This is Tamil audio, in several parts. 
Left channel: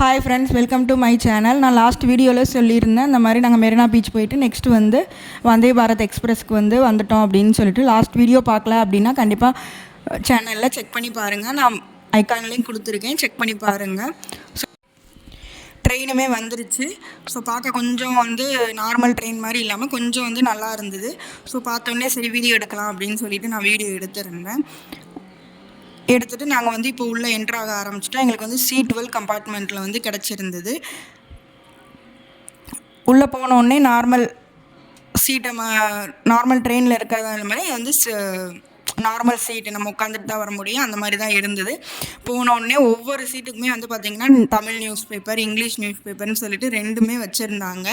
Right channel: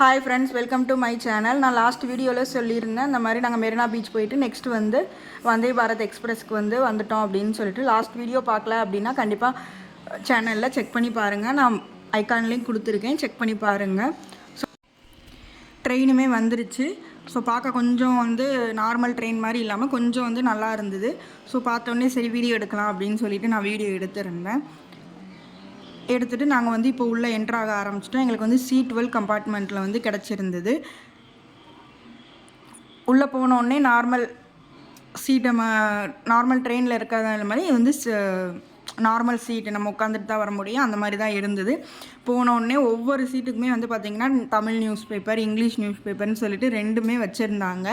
Hi friends welcome to my channel நான் லாஸ்ட் வீடியோவில் சொல்லியிருந்தேன் இந்த மாதிரி நாங்கள் மெரினா பீச் போயிட்டு நெக்ஸ்ட் வந்து வந்தே பாரத் எக்ஸ்பிரஸ்க்கு வந்து வந்துட்டோம் அப்படின்னு சொல்லிட்டு லாஸ்ட் வீடியோ பார்க்கல அப்படின்னா கண்டிப்பாக சேனலில் செக் பண்ணி பாருங்கள் நான் ஐக்கான்லேயும் கொடுத்துருக்கேன் செக் பண்ணி பாருங்கள் ஸோ ட்ரெயினுமே வந்துருச்சு. ஸோ பார்க்க கொஞ்சம் வந்து நார்மல் ட்ரெயின் மாதிரி இல்லாமல் கொஞ்சம் வந்து நல்லா இருந்தது. ஸோ பார்த்தோன்னே சரி வீடியோ எடுக்கலாம் அப்படின்னு சொல்லிட்டு நான் வீடியோ எடுத்திருந்தேன். எடுத்துகிட்டு நாங்கள் வந்து இப்போ உள்ளே என்ட்ராக ஆரம்பிச்சிட்டோம். எங்களுக்கு வந்து சி டுவெல் கம்பார்ட்மெண்ட்டில் வந்து கிடச்சிருந்தது. உள்ளே போனோடனே நார்மல் சீட்டு நம்ம நார்மல் ட்ரெயினில் இருக்கிறதா மாதிரி வந்து நார்மல் சீட்டு நம்ம உட்காந்துட்டு தான் வர முடியும். அந்த மாதிரி தான் இருந்தது. போன உடனே ஒவ்வொரு சீட்டுக்குமே வந்து பார்த்திங்கன்னா Tamil news paper English news பேப்பர்னு சொல்லிட்டு ரெண்டுமே வச்சுருந்தாங்க.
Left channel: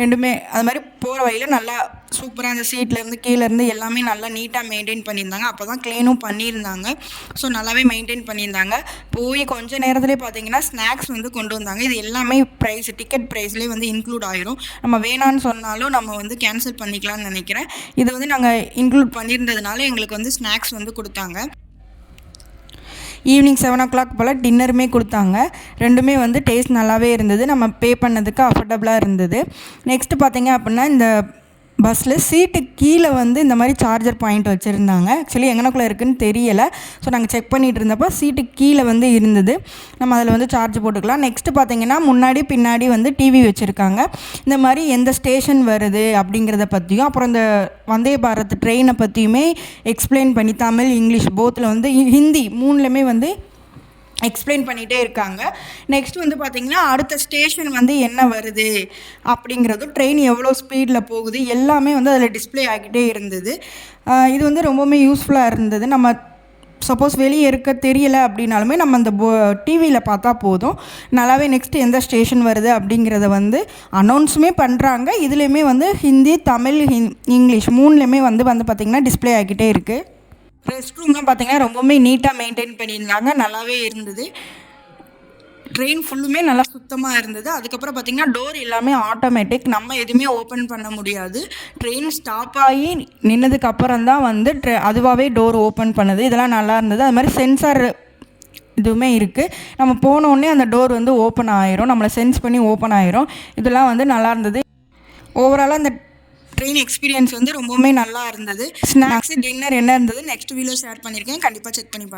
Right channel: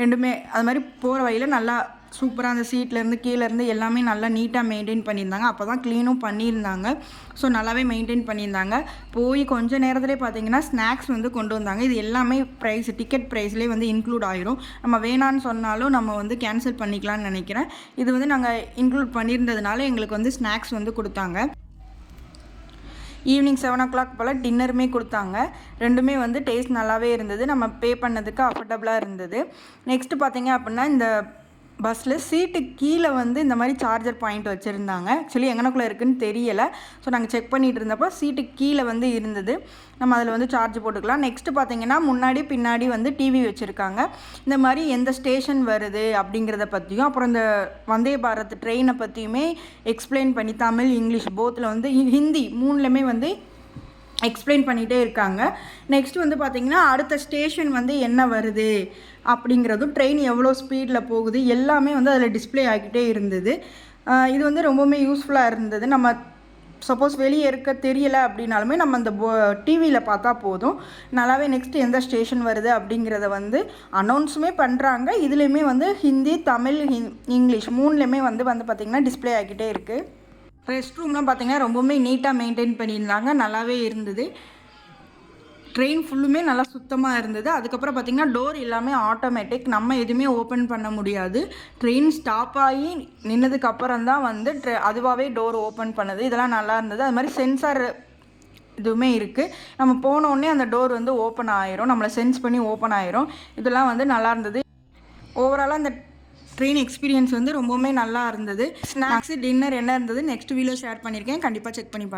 ரெண்டுமே அது மாதிரி போகிற வழியில் நல்லா சூப்பராக அந்த சீட்லேருந்து கீழேருந்து எல்லாமே நல்லா நீட்டாக மெயின்டைன் பண்ணியிருந்தாங்க. அப்போ தான் க்ளீனும் பண்ணியிருந்தாங்க. ஸோ நல்லாவே மெயின்டைன் பண்ணியிருந்தாங்க. போய் கொஞ்ச நேரத்துலேயே பார்த்தீங்கன்னா ஸ்நாக்ஸ் வந்து கொண்டு வந்தாங்க. இது எல்லாமே ப்ரைஸ் டிக்கெட் ப்ரைஸ்லேயே வந்து இன்க்ளூட் ஆயிரும். நம்ம வேணான்னு சொன்னாலும் நம்ம வந்து கேன்சல் பண்ணிக்கலாம்னு நினைக்கிறேன். இது வந்து நாங்கள் இன்க்ளூட் பண்ணியிருந்ததுனால எங்களுக்கு வந்து ஸ்நாக்ஸ் வந்து கொடுத்தாங்க. ஈவினிங் செவன் ஓ கிளாக் போல் டின்னருமே கொடுத்தாங்க. ரெண்டுமே வந்து டேஸ்ட் நல்லாவே இருந்தது. நம்ம பே பண்ணதுக்கு அஃபோர்டபுளாக இருந்தது. நெக்ஸ்ட்டு பார்த்தீங்க அப்படின்னா இந்த பஸ்ஸில் சீட்டு கீழே வந்து இந்த மாதிரி சார்ஜர் பாயிண்ட் வச்சுருந்தாங்க. ஆக்சுவலி எங்கனக்குள்ளே இருக்குன்னு தெரியலை. ஸோ நாங்கள் செக் பண்ணிகிட்டு இருந்தப்போ சீட்டு கீழே வந்து இருந்தது. நம்ம அதில் வந்து சார்ஜ் போட்டுக்கலாம். நெக்ஸ்ட்டு பார்த்தீங்கன்னா முன்னாடி பின்னாடி வந்து டிவி வச்சுருக்காங்க. இந்த மாதிரி எந்த ஸ்டேஷன் வருது அப்படிங்கிறத பற்றியும் அப்புறம் இந்த வந்தே பாரத் ட்ரெயினை பற்றியுமே எக்ஸ்பிளைன் பண்ணி தமிழ் இங்கிலீஷ் போத்தில் வந்து ஹிந்தி மூணுலேயுமே வந்து எக்ஸ்பிளைன் பண்ணிகிட்டே இருக்காங்க. நெக்ஸ்ட் வந்து பார்த்திங்கன்னா அடுத்த ஸ்டேஷன் வந்து என்ன வருது? அப்படிங்கிறதும் ட்ரெயின் எவ்வளோ ஸ்பீடில் போகுது? எல்லாமே வந்து அதில் டிஸ்ப்ளே ஆகிட்டே இருந்தது. இது வந்து ரொம்பவுமே யூஸ்ஃபுல்லாக இருந்தது. நம்ம சப்போஸ் வெளியே இருக்க தெரியலை அப்படின்னாலுமே நம்ம அந்த போ டிவியில் பார்த்தா போதும். நல்லாவே நெக்ஸ்ட் எந்த ஸ்டேஷன் வருது அப்படிங்கிறத வந்து அனௌன்ஸுமே பண்ணுறாங்க இதுலேயுமே வந்து ஹிந்தி தமிழ் ஹிந் இங்கிலீஷ் மூணுலேயுமே வந்து வந்து பார்த்திங்கன்னா டிஸ்ப்ளே ஆகிட்டே இருக்குது ரெஸ்ட் ரூம்லாம் பார்த்தீங்கன்னா ரொம்பவுமே நீட்டாக மெயின்டைன் பண்ணியிருந்தாங்க. நல்லாவே இருந்தது. ட்ரெயின் ஃபுல்லுமே நல்லா சுத்தமாக இருந்தது. அதுக்கப்புறம் பார்த்திங்கன்னா டோர் எல்லாமே ஆட்டோமேட்டிக் நம்ம எதுவுமே ஓப்பன் பண்ண முடியாது. ட்ரெயின் ஸ்டாப் ஆகி நின்னதுக்கு அப்புறம் தான் வந்து ட்ரெ அதுவாகவே டோர் ஓப்பன் பண்ணுது. இதெல்லாம் நல்லா இருந்தது. அது மாதிரி சென்சார் இதுவுமே இருக்குது நம்ம போனோடனே அந்த டோர் வந்து ஓப்பன் ஆயிரும். நம்மளை சென்ஸ் பண்ணி ஓப்பன் ஆயிரும். இதெல்லாம் வந்து நல்லா இருந்தது. ஓவராலாக இந்த ட்ரெயின் எக்ஸ்பீரியன்ஸ் வந்து ரொம்பவுமே நல்லா இருந்தது. ஸ்நாக்ஸு டின்னர் என்ன இருந்தது நெக்ஸ்ட் வீடியோ ஷேர் பண்ணியிருக்கேன் கண்டிப்பாக செக் பண்ணி பாருங்க.